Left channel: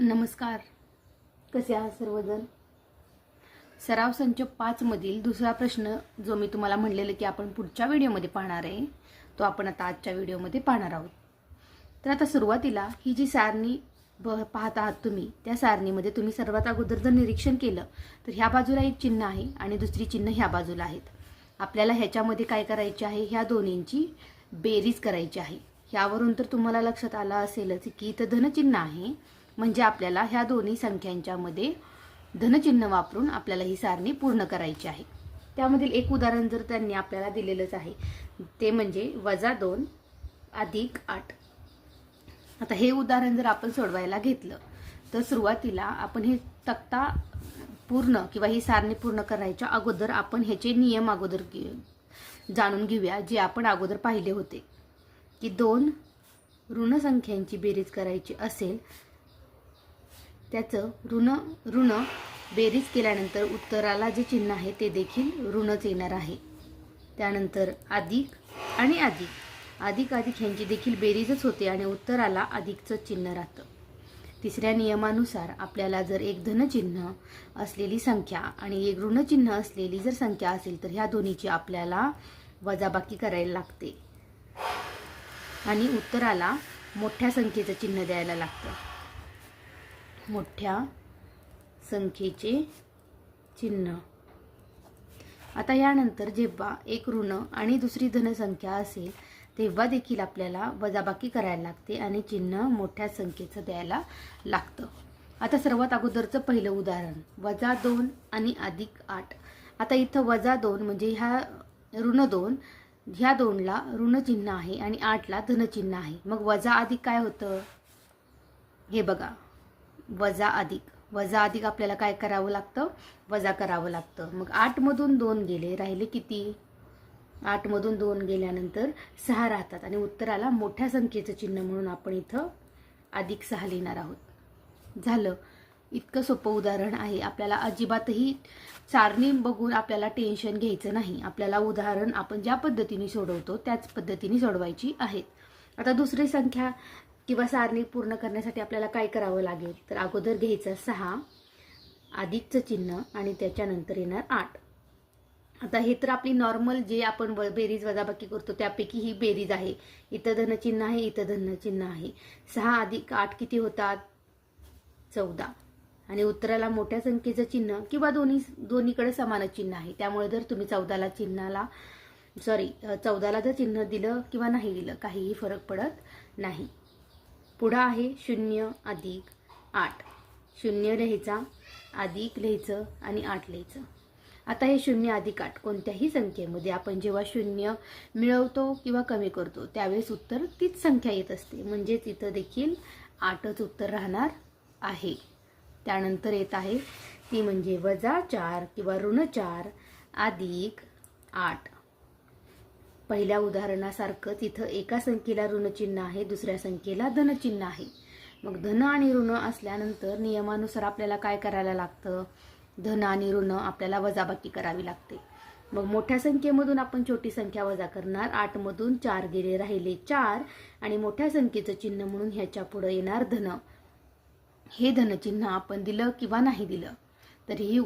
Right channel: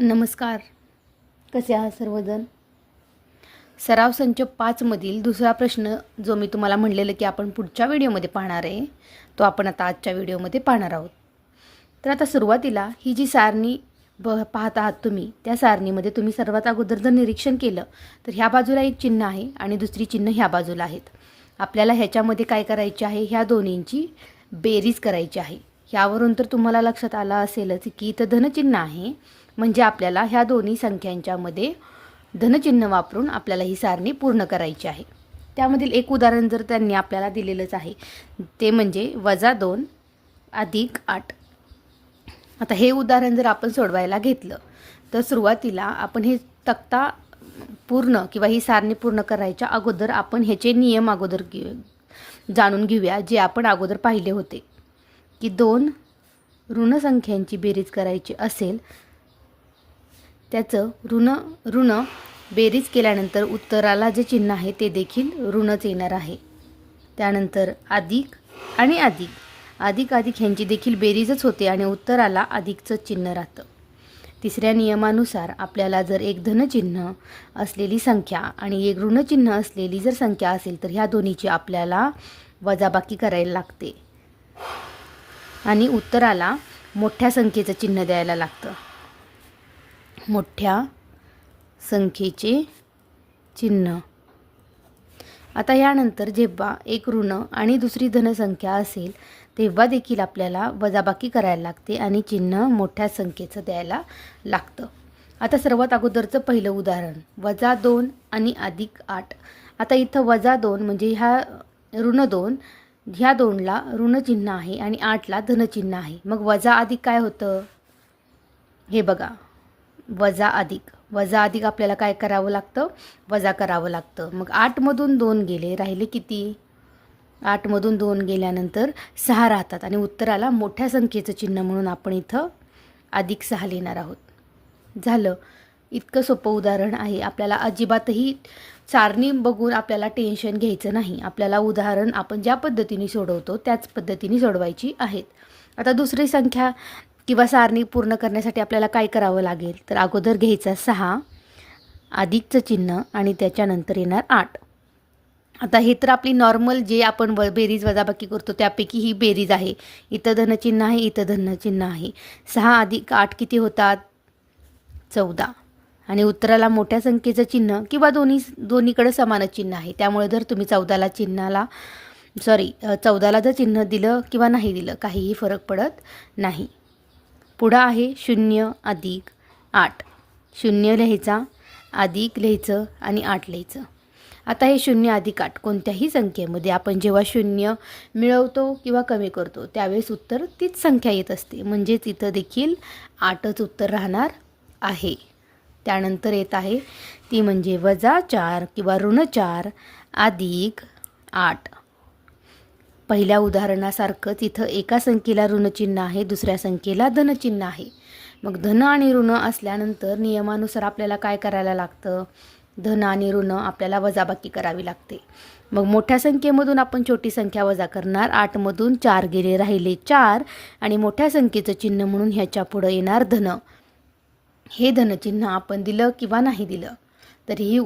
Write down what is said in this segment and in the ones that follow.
नमस्कार. कसे आहात सर्वजण? सराव संच 5 मधील दुसरा प्रश्न जो मी तुम्हाला म्हणलेलं की आपण पुढच्या व्हिडिओमध्ये पाहणार आहे, तो आपण आता आजच्या व्हिडिओमध्ये पाहणार आहोत. तर आता सुरुवातीला ही जी सारणी पाहत आहात तुम्ही, त्या सारणीमध्ये तुम्ही सर्वात अगोदर जर निरीक्षण केलं तर ह्या बाजूला एक चिन्ह आहे आणि दुसरी चिन्ह ह्या बाजूला आहेत. आपल्याला ह्याच्यामध्ये काय करायचे आहे, ह्या दोन्हींची बेरीज करायची आहे. ह्यावरून तर तुम्हाला लक्षात आलं असेलच की इथं धनचिन्ह आहे, म्हणजे आपल्याला ह्या दोन्ही संख्यांच्यामध्ये धनचिन्ह वापरून आपल्याला ही सारणी पूर्ण करायची आहे. त्यामधील एक उदाहरण जर त्यांनी आपल्याला दिलेलंच आहे, ते म्हणजे -2 + 8. आता हे उदाहरण जर आपण सोडवायला घेतलं तर सुरुवातीला आपण हे तक्ता पूर्ण किंवा ही सारणी पूर्ण करायच्या अगोदर आपण ह्याचे नियम अगोदर जाणून घेऊया, जे आपण अगोदर पाहिले होते की 2 ऋण संख्यांची बेरीज करायची असेल, त्याचं ऋण बेरीज केल्यानंतर उत्तराला जे चिन्ह आहे ते देखील ऋणच येणार आहे. त्यानंतर अधिक आणि अधिक ह्यांची देखील बेरीजच होते आणि उत्तराला अधिकचं चिन्ह राहतं. तिसऱ्या नियमानुसार आपल्याला जर एक धनचिन्ह असलेली संख्या आणि एक ऋणचिन्ह असलेली जर संख्या असेल तर ह्या दोन्हीची आपल्याला वजाबाकी करायला लागते आणि उत्तराला मोठ्या संख्येचं चिन्ह द्यायला लागतं. मोठ्या संख्येचे चिन्ह. आता यानंतर जेव्हा एक ऋण आणि दुसरी धनसंख्या असेल तेव्हा देखील आपल्याला वजाबाकी करायला लागते आणि चिन्ह मोठ्या संख्येचं द्यायला लागतं. आता सर्वात अगोदरचं पहिलं उदाहरण -2 आणि +8. आता इथं -2 म्हणजे ह्या ऋण 2, ह्या 2ला ऋणचिन्ह आहे आणि 8ला धनचिन्ह आहे. मग वजा अधिक काय होतं, हे बघा. वजा अधिक आपल्याला काय करावं लागतं, वजा करावं लागतं. मग 8मधून 2 गेले, राहिले किती? 8मधून 2 गेल्यानंतर 6 राहतात आणि उत्तराला मोठ्या संख्येचं चिन्ह म्हणून आपण इथं +6 लिहिणार आहोत. झालं. इतकं सोपं उदाहरण आहे. आपल्याला अजिबातही सारणी बघून आपल्याला टेन्शन घ्यायचं नाही. आपल्याला उदाहरण आपण ज्या पद्धतीने सोडवतो त्याच पद्धतीने सोडवायची आहेत. आता दुसरी संख्या किंवा सारणी पूर्ण करण्यासाठी आपल्याला काय करावं लागेल, तर अगोदर घ्यायचा 6, अधिकचं चिन्ह आणि त्याच्यानंतर येणार 8. आता हे तर आपली नॉर्मल जे आपण बेरीज वजाबाकी करतो त्यापैकी ही बेरीज आहे. इथं धनचिन्ह आहे, इथं धनचिन्ह आहे. 6 + 8 किती होतात? 14. आणि उत्तराला मोठ्या संख्येचं चिन्ह किंवा दोन्हीकडे समानच चिन्ह आहे. त्यामुळे जर तुम्ही 14ला जर चिन्ह दिलं किंवा नाही दिलं काहीही फरक पडत नाही. पुढं आहे 0 + 8. 0 लिहायचा, अधिक लिहायचं आणि 8 लिहायचं. आता हे 0 + 8 कोणत्याही संख्येमध्ये आपण जेव्हा 0 मिळवतो किंवा कमी करतो त्यावेळेस उत्तर तीच संख्या येत असते, म्हणजेच इथं देखील 8च उत्तर राहणार आहे. त्यानंतर येत आहे ती म्हणजे -4 किंवा ऋण4 + 8. पहिल्या उदाहरणासारखंच इथं एका संख्येला ऋणचिन्ह आहे, दुसऱ्या संख्येला धनचिन्ह आहे. मग धन आणि ऋण असल्यानंतर नियमानुसार आपल्याला काय करायला लागतं, धन आणि ऋण आपल्याला वजाबाकी करावी लागते. मग मोठ्या संख्येमधून आपण छोटी संख्या वजा करणार. 8मधून 4 गेले, राहिले 4 आणि मोठ्या संख्येचं चिन्ह म्हणून ह्याच्या पुढं येणार धन. हे धनचिन्ह आपण दिलं किंवा नाही दिलं तरीही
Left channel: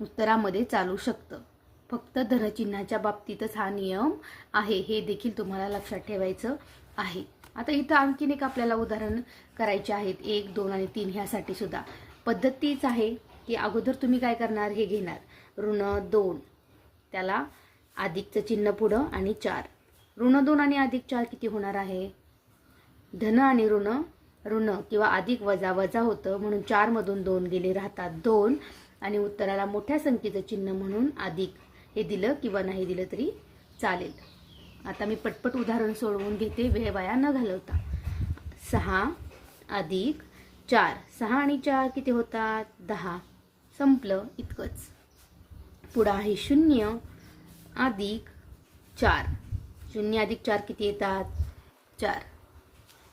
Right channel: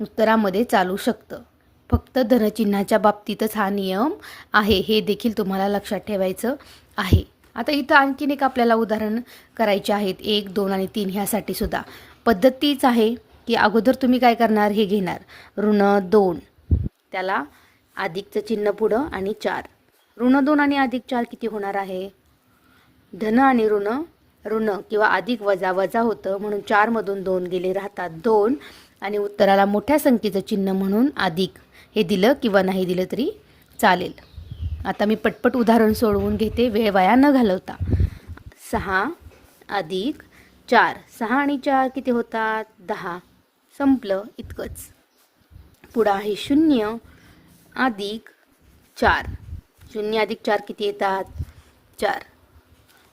उत्तरामध्ये चालू शकतं. फक्त धनचिन्हाच्या बाबतीतच हा नियम आहे, हे देखील तुम्हाला लक्षात ठेवायचं आहे. आता इथं आणखीन एक आपल्याला उदाहरण करायचे आहेत, 1, 2 आणि 3 ह्यासाठी सुद्धा पद्धत तीच आहे की अगोदर तुम्ही काय करणार, हे घेणार ऋण2, त्याला अधिकचं चिन्ह पुढं आणि 4. ऋण2 आणि +4 किती होणार आहे? धन आणि ऋण किंवा अधिक वजा होतं, म्हणून 4मधून 2 गेले, राहतात 2 आणि उत्तराला मोठ्या संख्येचं चिन्ह म्हणून अधिक. हे दिलं किंवा नाही दिलं तरी चालेल. आता मी पटपट उदाहरण सोडवून घेते, वेळ वाया न घालवता. 6 + 4. 6 आणि 4 किती होतात? 10. संपलं, इतकंच. पुढं आहे 0 + 4. 0 + 4 किती येतात? 4.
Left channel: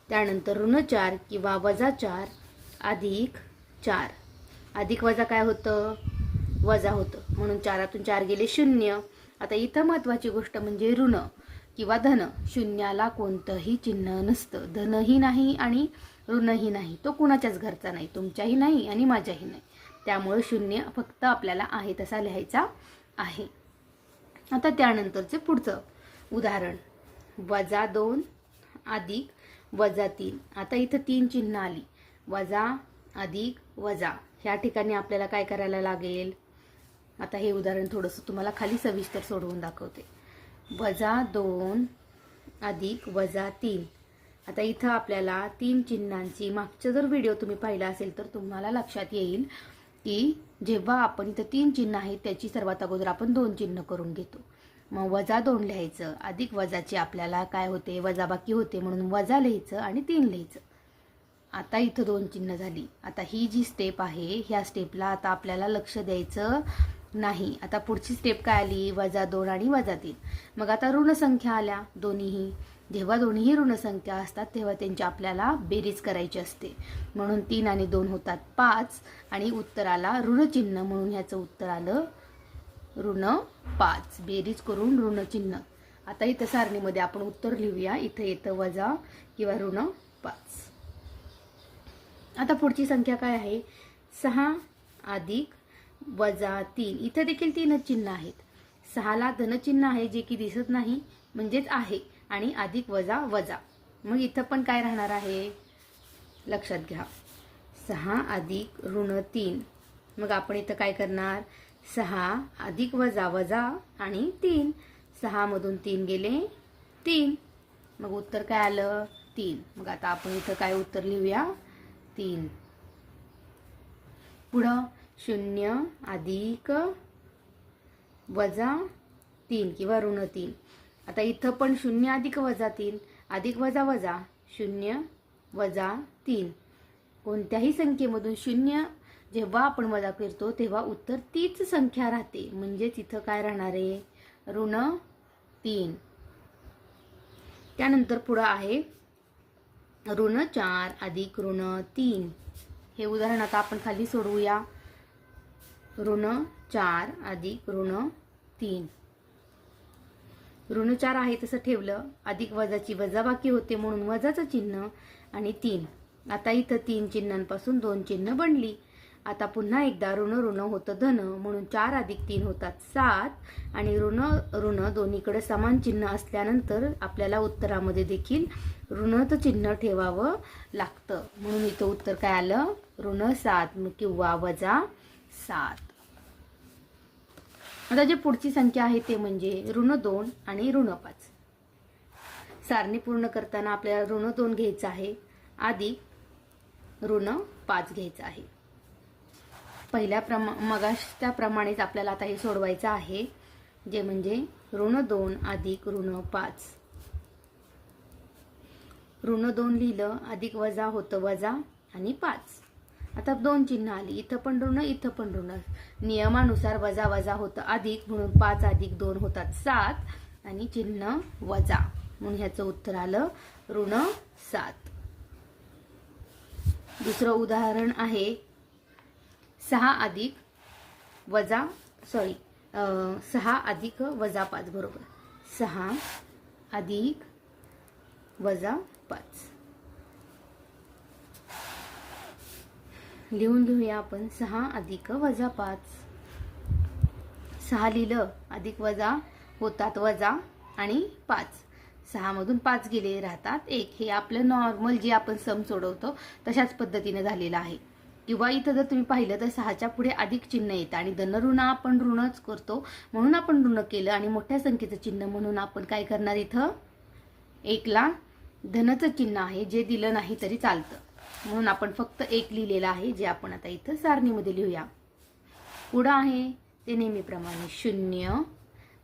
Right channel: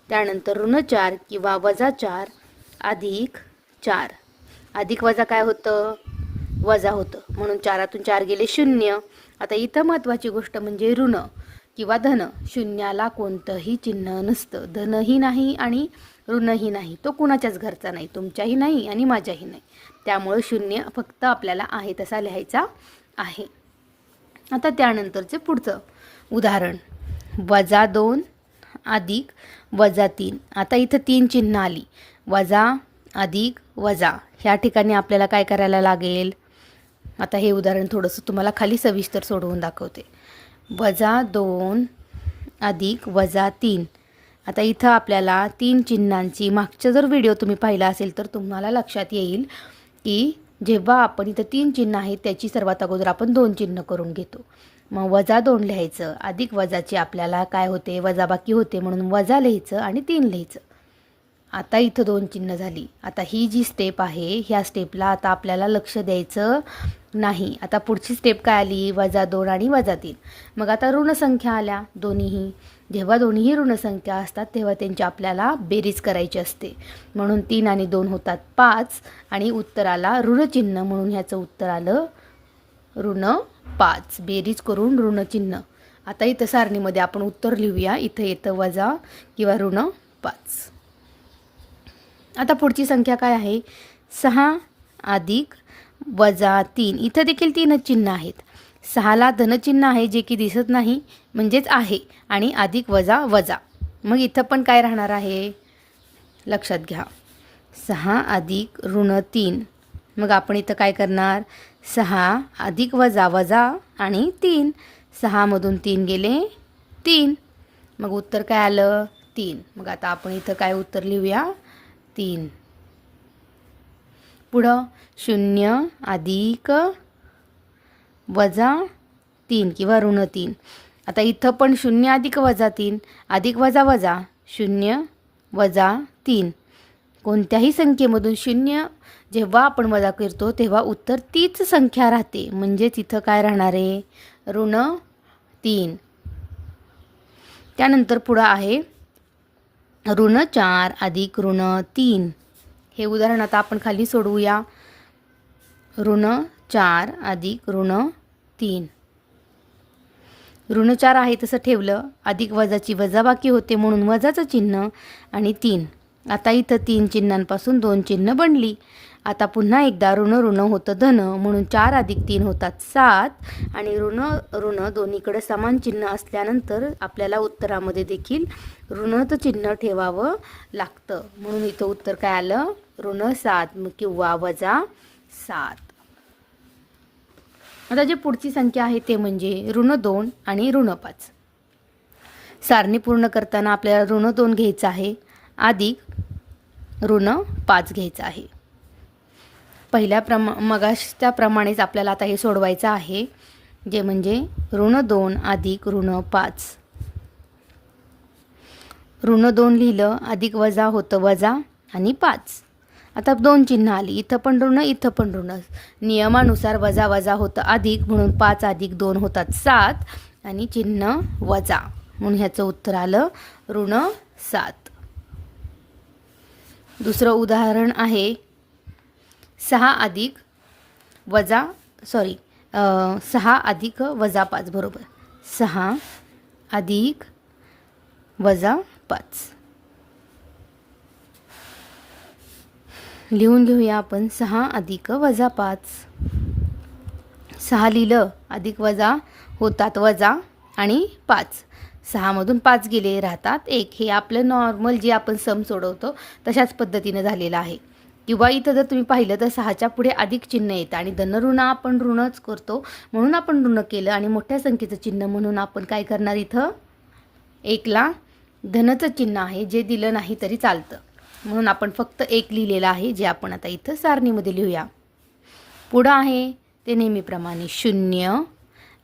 त्यानंतर ऋण4 किंवा -4 + 4. अधिक वजा काय होतं? वजा होतं, म्हणून 4तून 4 गेले 0. आता इथं महत्त्वाची गोष्ट म्हणजे ऋण किंवा धन. शून्याला कोणतंही चिन्ह नसतं, धनही नाही आणि ऋणही नाही, तो कुणाच्याच घरचा नाही, तुमच्याही नाही आणि माझ्याही नाही. त्यामुळे 0 फक्त आपल्याला आहे तसा लिहायचा आहे. आता त्यानंतरचे पुढचं उदाहरण, -2 अधिक -3. आता इथं 3 चिन्ह आली, वजा अधिक वजा. ह्या ठिकाणी आपल्याला काय करायला लागेल? आता हे उदाहरण थोडंसं तुम्हाला खाली सविस्तर सोडवून दाखवते. -2 अधिक -3. आता इथं आपल्याला 3 चिन्हांची, मागचा जर व्हिडिओ तुम्ही पाहिला असेल तर तुम्हाला लक्षात येईल की जेव्हा आपण इथं 3 चिन्ह आहेत त्याची सर्वात अगोदर आपण 2 चिन्ह करून घेतो. मग -2 लिहायचं, अधिक वजाची आपल्याला काय होते, वजाबाकी होते, म्हणून वजा लिहायचं आणि 3 लिहायचं. आता इथं 2 चिन्ह झाली. आता ही जी स्टेप आहे ह्या स्टेपला आता आपल्याला लक्ष द्यायचं नाही. आता पुढची स्टेप काय आली, -2 आणि -3. मग आता ऋणसंख्या आल्या दोन्हीही. जेव्हा दोन्हीही ऋणसंख्या असतात तेव्हा त्यांची आपल्याला बेरीज करायची असते. म्हणून 3 आणि 2 होतात 5 आणि उत्तराला ऋणचिन्ह म्हणून ह्याचं उत्तर आलं -5. बेरीज करून ऋणचिन्ह. आता इथं सारणीमध्ये आपण उत्तर लिहूया. इथं येतं वजा किंवा -5. आता पुढची संख्या काय आहे, 6 अधिक -3. इथं देखील 3 चिन्ह आहेत. 6ला धनचिन्ह आहे जे की दिसत नाही, म्हणजेच आहे, आणि अधिक वजा वजा. मग इथं पण काय राहणार आहे, लक्षात घ्या, 6 अधिक -3. मग आपण इथं काय करणार, 6 अधिक वजा वजा आणि 3. 6 मधून 3 गेले 3. मग उत्तर काय आलं, 3. मग आता आपण इथं काय उत्तर लिहूया, 3. पुढं 0 अधिक -3 किंवा -3. आता इथं पण 0 अधिक -3 अधिक वजा वजा 0 -3. कोणत्याही संख्येमधून 0 जेव्हा आपण वजा करतो तेव्हा उत्तर तीच संख्या राहते, म्हणजेच इथं काय राहणार आहे, -3. त्यानंतर पुढं आहे -4 अधिक -3. हे उदाहरण आता आपण खाली सोडवूया. -4 अधिक -3. -4 आहे तसं ठेवलं, अधिक वजाची वजाबाकी होते म्हणून वजाचं चिन्ह आणि 3. आता इथं 3 चिन्हांपासून 2 चिन्ह बनली. आता पुन्हा एकदा ऋण होतं धन, म्हणून 4 अधिक 3 होतात 7 आणि ऋण दोन्हीकडे समान चिन्ह असल्यानंतर आपल्याला उत्तरामध्ये देखील ऋणाचं चिन्ह ठेवावं लागतं. म्हणून इथं उत्तर काय आलं, -7 किंवा -7. आता जी पुढची संख्या आहे ते म्हणजे -2 आणि -5. सारणी पूर्ण करताना आपल्याला -2 घ्यायचं आहे अधिक -5 घ्यायचं आहे. पहिल्या मगाच्याप्रमाणेच आपल्याला आता हे सोडवायचं आहे, जे म्हणजे -2 अधिक -5. -2 लिहिलं, अधिक वजा होतं वजा आणि 5. आता 2 चिन्ह आली, इथं पण ऋण इथं पण ऋण. नियमानुसार वजा वजा होतं अधिक, म्हणून 5 अधिक 2 होतात 7 आणि चिन्ह वजा, म्हणून ह्याचं उत्तर आलं -7. दुसरं उदाहरण आहे 6 अधिक -5 बरोबर, 6 अधिक -5. लिहून घेऊया आपण, 6 अधिक -5. 6 लिहिलं, अधिक वजा होतात वजा आणि 5. 6 मधून 5 गेले, राहतात 1. हे आपलं नॉर्मल जे आपण सम सोडवतो तशाच पद्धतीने झालेलं आहे. किंवा इथं जर तुम्ही पाहिलं तर 6च्या पुढे अधिक चिन्ह येतं आणि धनऋण आपण ऋणच करतो म्हणून आपण ऋण केलं, आणि मोठ्या संख्येचं चिन्ह म्हणून आपण काय करणार, इथं 1ला धनचं चिन्ह आहे जे दिलं नाही तरी चालतं, म्हणून आपण फक्त 1 लिहिलेलं आहे, जे आपण आता इथं सारणीमध्ये लिहूया. पुढं आहे ते नेहमीप्रमाणे 0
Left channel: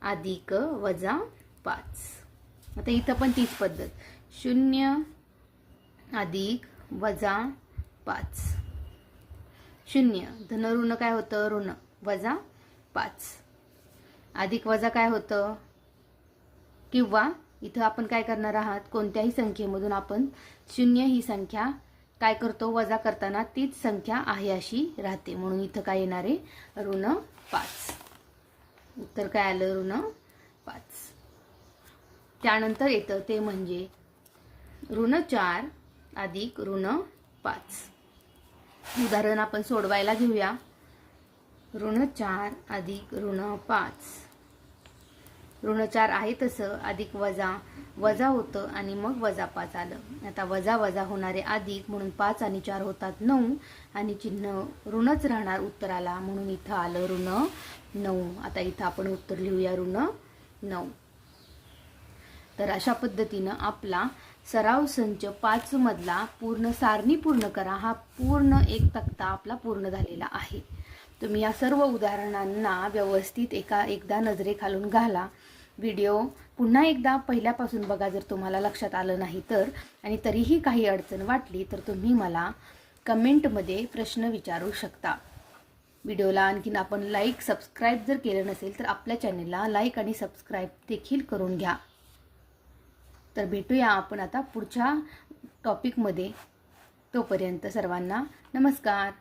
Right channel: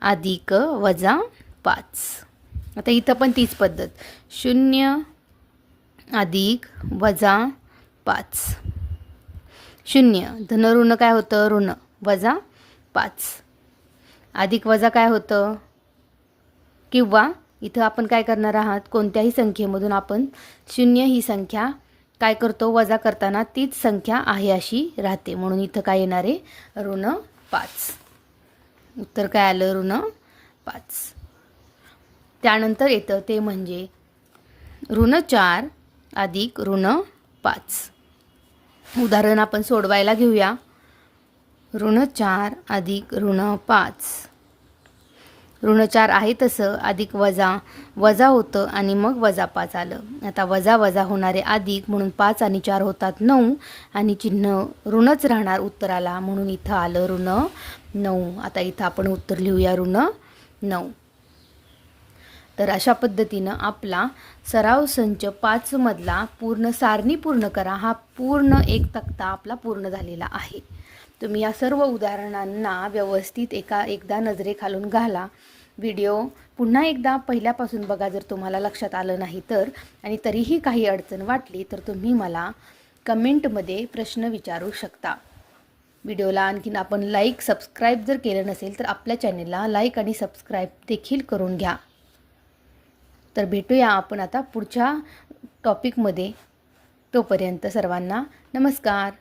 अधिक -5. आता इथं पण तीच पद्धत, 0 अधिक -5. 0 धनऋण काय होतं, ऋण वजा 5. अधिक वजा काय होतं, किंवा इथं आपण काय करणार आहात, कोणत्याही संख्येमधून आपण 0 ही संख्या काय करतो, वजा करताना तीच संख्या आहे अशी राहते, म्हणून इथं काय येणार आहे, -5. उत्तर काय आलं, -5. त्यानंतर येतं ते म्हणजे -4 अधिक 5. उदाहरण आपण सोडवायला घेऊया. ऋण 4 अधिक ऋण 5. ऋण 4 आहे तसं अधिक वजा होतं आणि मग वजा 5 आलं. आता वजा वजा होणारे अधिक म्हणून 5 आणि 4 होतात 9 आणि चिन्ह ऋणच राहणार उत्तराला म्हणून इथं आलं ऋण 9. आता इथं आपण उत्तर लिहूया ऋण 9. तर अशा पद्धतीनं आपला सराव संच 5 मधला पूर्ण सारणी पूर्ण करा हा पूर्ण एक तक्ता आपला पूर्ण झालेला आहे. तुम्ही या सर्व उदाहरणांना व्यवस्थित एकदा नजरेखालून घाला. व्हिडिओ पुन्हा एकदा पहिल्यापासून बघा जर तुम्हाला लक्षात आलं नाही तर, आणि तरीही काही अडचण वाटली तर तुम्ही मला कमेंटमध्ये प्रश्न विचारू शकता. व्हिडिओला आणखीन आपण लाईक सबस्क्राईब जर केलं नसेल तर आपल्या चॅनेलला लाईक आणि सबस्क्राईब देखील करून घ्या. तर भेटूया आपण आता पुढच्या टॉपिकमध्ये. तोपर्यंत सर्वांना नमस्कार.